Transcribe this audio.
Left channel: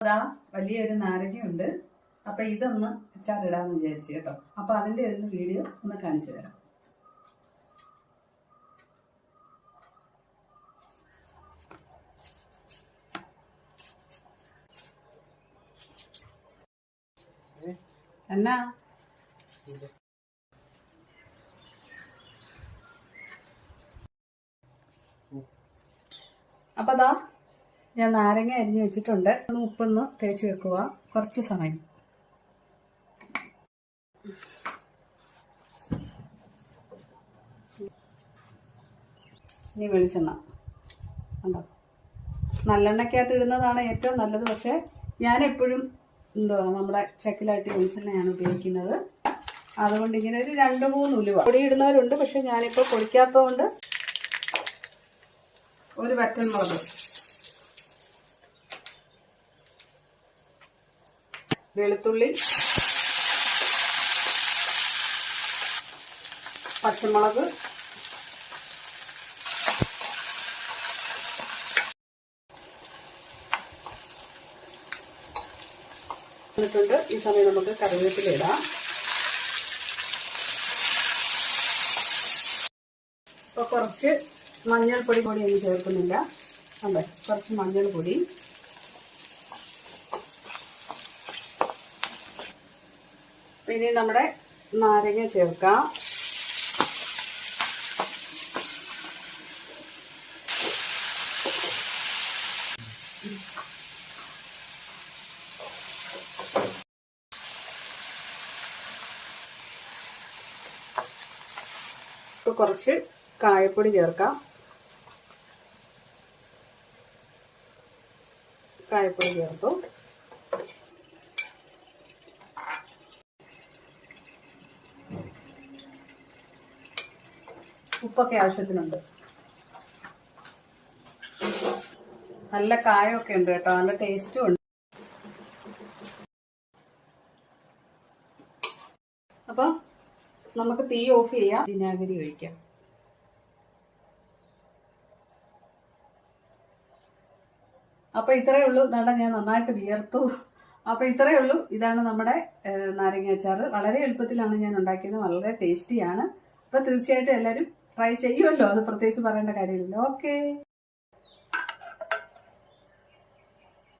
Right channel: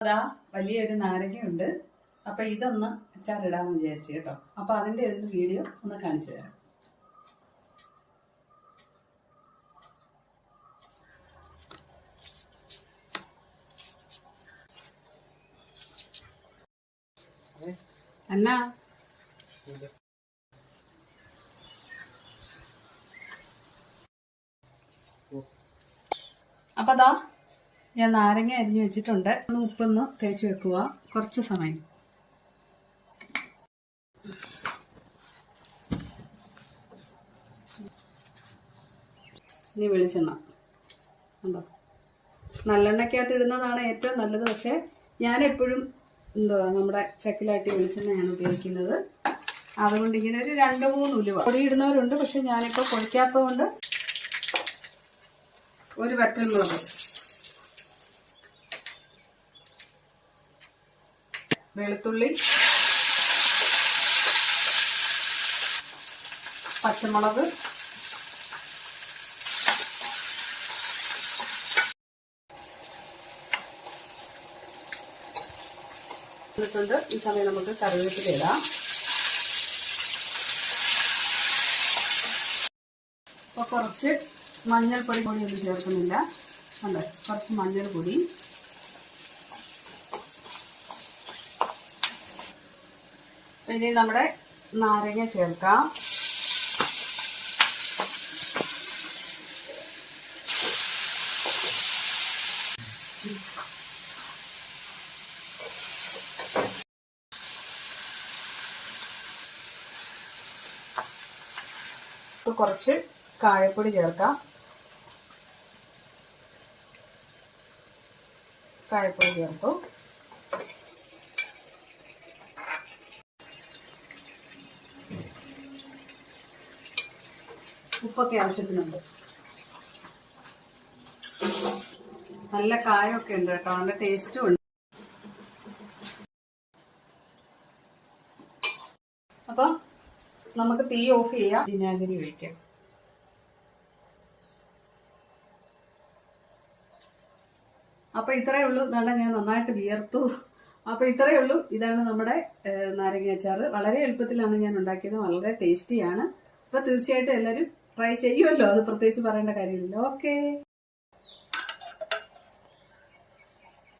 അതാ വലിയൊരു നാരങ്ങയുണ്ട്. അപ്പൊ ഇതൊന്ന് അച്ചാറിടാമെന്ന് വിചാരിച്ചു കേട്ടോ. അപ്പൊ അതിന്റെ ഒന്ന് വീഡിയോ ഒന്ന് കാണിച്ചു തരാം. എന്നാ അപ്പൊ അതാ ഞാൻ നാരങ്ങ അരിഞ്ഞു വെച്ചിട്ടുണ്ട്. ഒന്ന് ഉപ്പൊന്ന് തേച്ച് വെക്കുക. കുറച്ച് സമയം. ഇനി വെളിച്ചെണ്ണ. ഉണ്ടോ നല്ലെണ്ണയ്ക്കകത്ത് ഇടുന്നതാണ് ഏറ്റവും നല്ലത്. പക്ഷേ ഞാൻ എപ്പോഴും എന്തുവാ നമ്മുടെ ചക്കിലാട്ടി വെളിച്ചെണ്ണയാണ് ഉപയോഗിക്കുന്നത്. അതുകൊണ്ട് ഇങ്ങനെ ഒരു രണ്ട് മൂന്ന് ഉലുവ. പൊടി ഇടുന്നവരുണ്ട്. പക്ഷെ ഞാനിപ്പോൾ പൊടിക്കാത്തതുകൊണ്ട് ഒരു വറ്റൽമുളക് വെളുത്തുള്ളി പച്ചമുളക് എന്നിട്ടുണ്ട്. ഈ സമയം നമുക്ക് കറിവേപ്പില ഇടാം. ഇപ്പോൾ കുറച്ച് മഞ്ഞൾപ്പൊടി കൂടി ഒന്നും ചേർക്കുന്നില്ല. അല്ലേ കുറച്ച് മഞ്ഞൾപ്പൊടി. ഇനി നമ്മുടെ നാരങ്ങ ചേർക്കാം. കുറച്ച് കായപ്പൊടി ചേർക്കാം. കായപ്പൊടി ചേർത്തു. ഉപ്പൊക്കെ ആവശ്യത്തിനുണ്ട്. നല്ല കായൊക്കെ ഉണ്ട് കേട്ടോ. നല്ല ടേസ്റ്റും ഉണ്ട്. അപ്പൊ നമുക്ക് തീ ഓഫ് ചെയ്യാം. വിനാഗിരി ഒഴിക്കാം. അപ്പൊ ഇത്രയേ ഉള്ളൂ. നട ഞാൻ നന്നായിട്ട് വിയർത്തു. അപ്പൊ ഇത്രയേ ഉള്ളൂ. ഇതാണ് നമ്മുടെ നാരങ്ങ അച്ചാറ്. വളരെ എളുപ്പത്തിലാണ് ഞാൻ ഉണ്ടാക്കിയത്. വളരെ ടേസ്റ്റിയാണ്. അപ്പൊ തീർച്ചയായിട്ടും എല്ലാവരും ട്രൈ ചെയ്യുമല്ലോ അത് പ്രത്യേകിച്ച് പറയേണ്ട കാര്യമില്ലല്ലോ. ഓക്കെ